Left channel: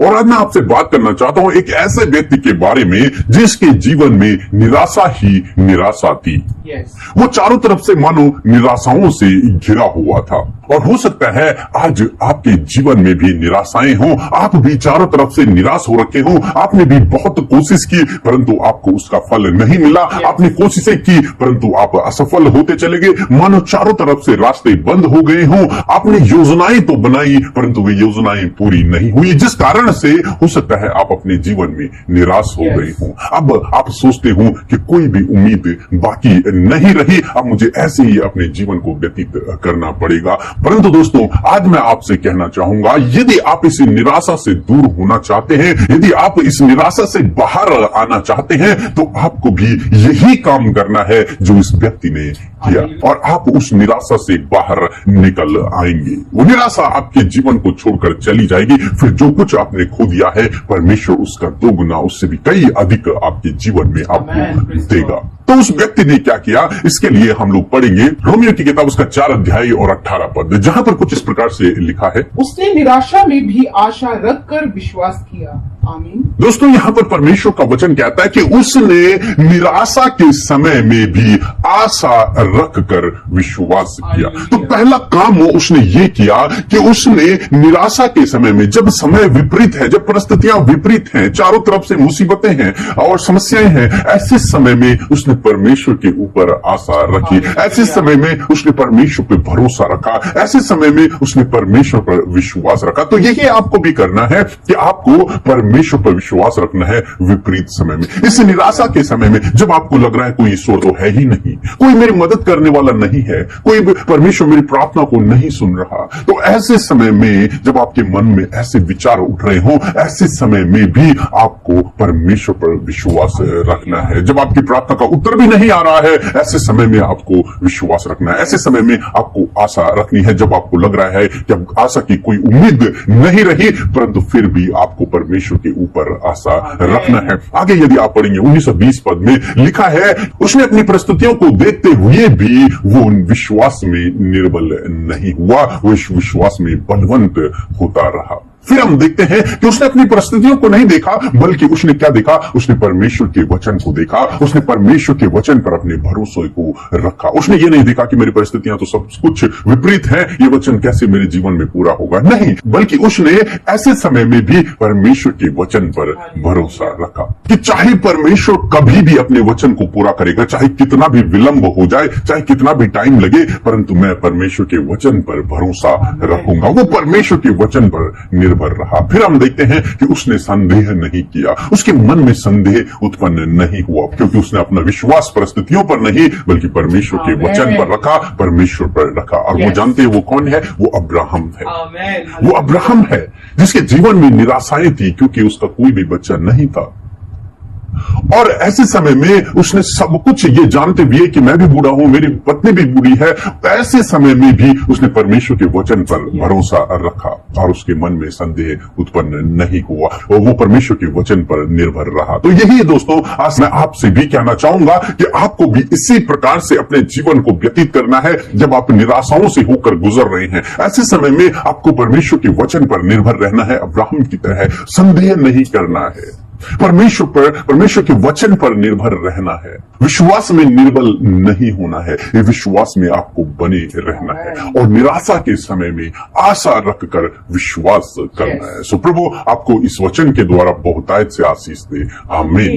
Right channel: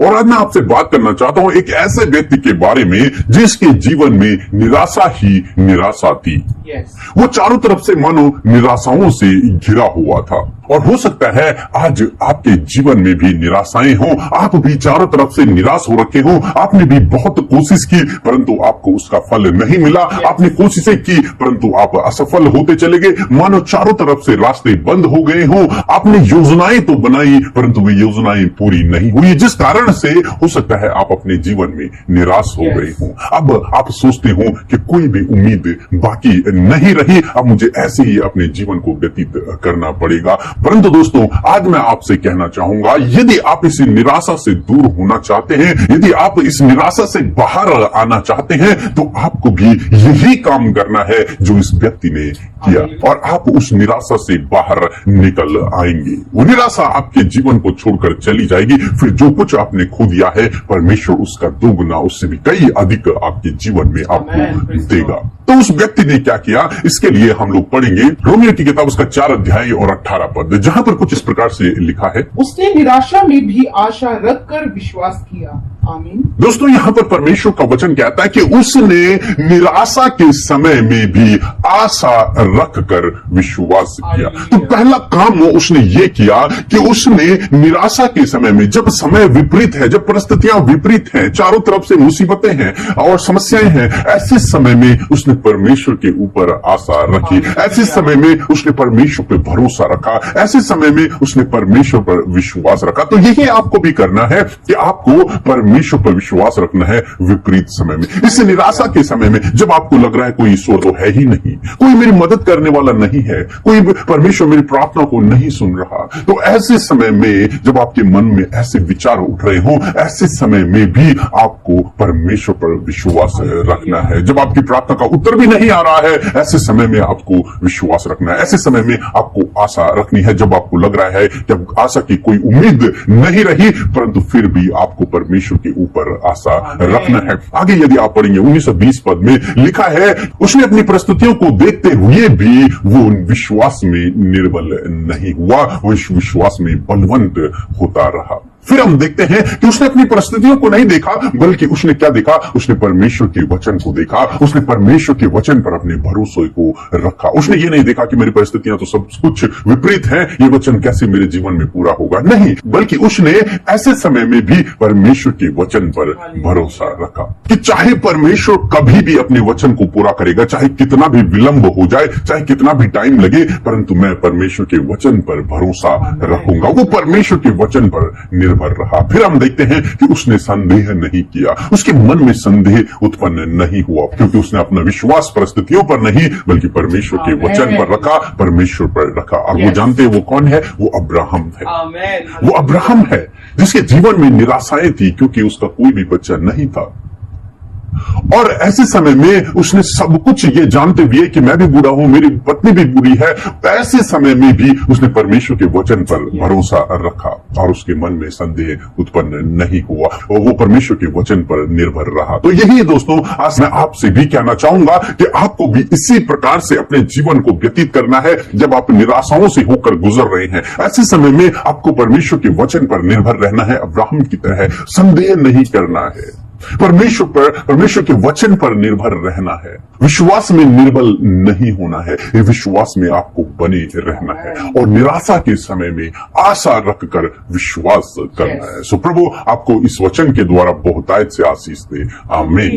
और आज मैं आपसे बात करना चाहता हूं एक ऐसे व्यक्ति के बारे में जिसके जीवन में निराशा ही निराशा थी। वो चारों तरफ से मानो निराशाओं से घिरा हुआ था। और हो सकता है आज आपके जीवन में भी निराशाएं हों, आप भी चारों तरफ से निराश हो रखे हो। आपने भी बहुत कोशिश की परंतु आपको उसका फल नहीं मिला। आपने कोशिशें की परंतु आप असफल होते चले गए, मानो चारों तरफ से रास्ते बंद हो गए हों। आपने योजनाएं तो बनाई परंतु वे योजनाएं पूरी नहीं हुई, जिस कारण से हो सकता है आप अपने जीवन में निराश हो गए हों। अब आप सोचते हो कि कोई भी उम्मीद बाकी नहीं रही, अब मुझे ऐसे ही अपने जीवन को व्यतीत करना पड़ेगा। परंतु दोस्तों, आज मैं आपसे कहना चाहूंगा, यदि आप इस निराशा से दूर होना चाहते हैं, यदि आप इस निराशा से बाहर आना चाहते हैं, तो आपको भी यही काम करना है जो इस व्यक्ति ने किया, और आप उस निराशा से बाहर निकल आएंगे। वो निराशा आपके जीवन को छोड़कर चली जाएगी। फिर जो कुछ आपने खो दिया है, परमेश्वर उसका दोगुना, उससे भी कई अधिक आपके जीवन में आपको देगा। तो उस व्यक्ति ने क्या किया, इसके लिए हम लोग पढ़ेंगे रोमियो की किताब उसका 4 अध्याय और 18 पद, जहां पर कुछ इस प्रकार से लिखा है, उसने निराशा में भी आशा रखकर विश्वास किया। आमीन। दोस्तों, यहाँ पर परमेश्वर का वचन कहता है कि उसने निराशा के समय में भी आशा रखकर विश्वास किया। तो पहला काम वो उसने ये किया कि उसने निराशा के समय में, जब समय विपरीत है, जब परिस्थितियां विपरीत हैं, चारों तरफ से मुसीबतें हैं और समस्याएं हैं, ऐसे समय में उसने परमेश्वर के ऊपर आशा रखी। ऐसे समय में उसने परमेश्वर पर भरोसा रखा। ऐसे समय में उसने परमेश्वर पर विश्वास रखा। तो यही आपको भी करना है कि आपको परमेश्वर पर विश्वास रखना है विपरीत समय में। इस निराशा के समय में जब आपको लग रहा है कोई ईश्वर तो है ही नहीं, कोई मेरी मदद करने वाला नहीं है, कोई परमेश्वर मेरी प्रार्थना को नहीं सुन रहा, तो ऐसे समय में जब आपके मन में ऐसे विचार उठ रहे हो, ऐसे समय में भी आपको परमेश्वर पर विश्वास रखना है। जब आपकी प्रार्थना का उत्तर भी नहीं आ रहा है, ऐसे समय में आपको विश्वास रखना है। ऐसे समय में आपको आशा रखनी है। जब आपको लग रहा है कि आशा की कोई उम्मीद नहीं रही, परंतु फिर भी आपको परमेश्वर के ऊपर आशा रखना है। आगे यदि आप पढ़ेंगे 19-20 पद में लिखा है, उसने अपनी परिस्थितियों को देखते हुए भी वो विश्वास में निर्बल नहीं हुआ, वो विश्वास में बलवंत होता रहा। फिर हम देखते हैं कि उसने अपनी परिस्थितियों को नहीं देखा, बल्कि उसने क्या देखा, उसने परमेश्वर के वचन को देखा। उसने परमेश्वर के वचन पर अपने भरोसे को रखा। उसने ये नहीं देखा कि मेरी परिस्थितियां तो सब कुछ विपरीत हैं, ये वचन कैसे मेरे जीवन में पूरा होगा, नहीं, बल्कि उसने ऐसे समय में भी परमेश्वर के वचन पर भरोसा रखा कि चाहे परमेश्वर कभी भी अपने वचन को पूरा करेगा, चाहे कितना भी विलंब हो जाए, चाहे कितना भी टाइम लगे, परंतु मैं परमेश्वर के वचन पर भरोसा रखूंगा। वो परमेश्वर के वचन पर निर्भर रहा। फिर हम देखते हैं कि उसने संदेह नहीं किया, उसके मन में संदेह उत्पन्न नहीं हुआ, क्योंकि उसने अपना विश्वास परिस्थितियों पर नहीं बल्कि परमेश्वर के वचन पर रखा, परमेश्वर पर रखा। और वो जानते हैं वो कौन है, वो अब्राहम है। वो अब्राहम है जिसके जीवन में निराशाएं थी, क्योंकि उसका कोई भी बच्चा नहीं था। और ऐसे समय में उसने सब कुछ ये जानते हुए कि मैं भी बूढ़ा हूं, मेरी पत्नी भी बूढ़ी है, ऐसे समय में भी उसने परमेश्वर के वचन पर भरोसा रखा और उसके मन में संदेह उत्पन्न नहीं हुआ और वो परमेश्वर के वचन पर निर्भर रहा। तो यही है दोस्तों, आज मैं आपसे भी कहना चाहूंगा कि आपको भी इसी प्रकार से अपने जीवन को व्यतीत करना है। जब आप निराशाओं से होकर गुजर रहे हैं, ऐसे समय में आपको परमेश्वर के वचन पर निर्भर रहना है। अब्राहम की तरह संदेह नहीं करना है, परमेश्वर के वचन पर निर्भर रहना है। विश्वास में निर्बल नहीं होना है, ये विश्वास में आपको बने रहना है और निराशा के समय में आशा रखकर विश्वास करना है। सो प्रभु आपको इस वचन के द्वारा बहुतायत से आशीष दे। आमीन।